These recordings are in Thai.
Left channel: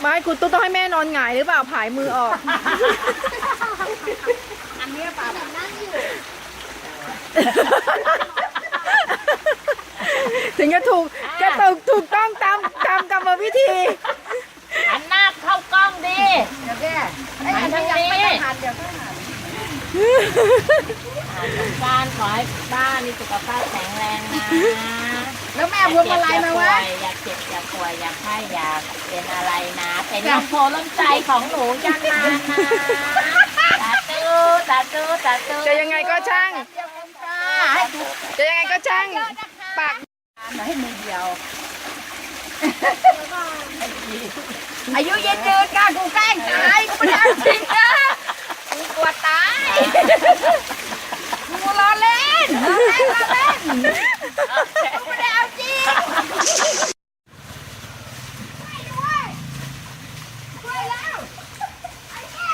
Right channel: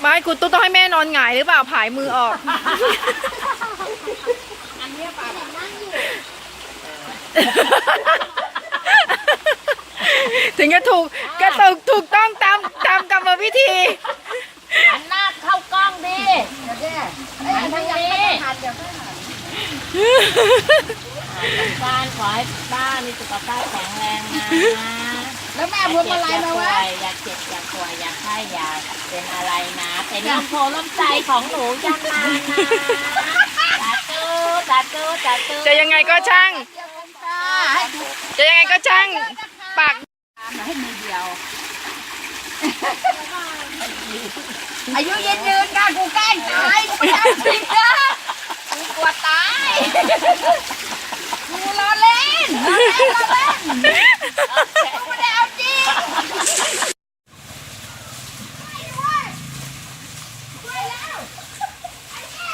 ไม่คุณตุ๊กต้องให้แม่นอนหงายหรือเปล่าผายมือออก อันเนี้ยปลาแบบนั่งอยู่ถึงจะถูกก็ถูกถูกต้องตามตามกรรมวิธี หันหน้าเข้ากล้องดิเดี๋ยวแม่ไอ้ยอันนี้ยังไม่ได้หันเดี๋ยวค่อยหันอ่าสงกรารขอให้ป้ามีสุขภาพแข็งแรงนะ แล้วแม่พวงมาลัยมาวะอย่าเจ็บอย่าป่วยอย่าไข้อย่าเป็นอะไรนะเป็นลมโพลมใจของหนูยันนานนะสาธุสาธุสาธุจะยังไงก็ช่างให้ดูจะยังไงก็ช่างปากให้มือเดียวอายุยืนยืนนะกูแกล้งตายกูไม่เอาจริงนะกูกลัวตายกูรอเล่นรอเล่นรอเล่นกูไม่ได้เอาจริงช่วยด้วยช่วยแล้วไอ้แก่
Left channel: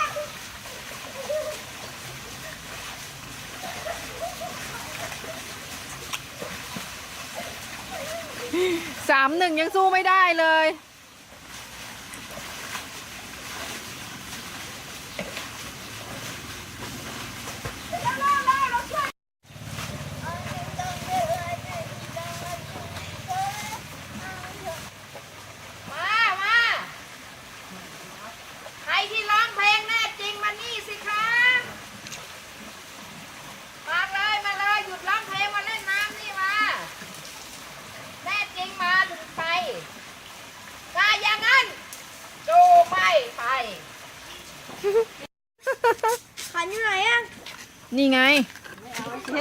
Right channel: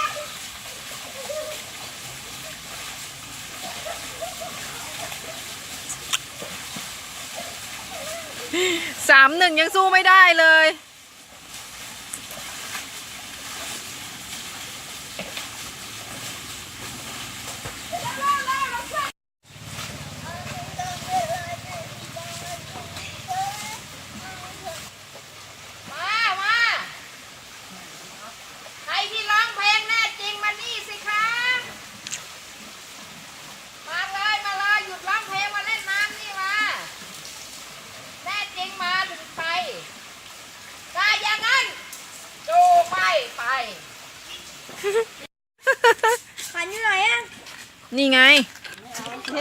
สามหนึ่งยังสู้ไม่ได้เลย มามาใครที่ร้องเพลงแน่จริงมานี่สิคะมาเลยมาเลยหยุดร้องเพลงมาเล่นน้ำนี่มาแน่จริงมาถึงไปถ้าอย่างนั้นดูไม่ไป ขันอยู่ไหนอะ นี่ไง เ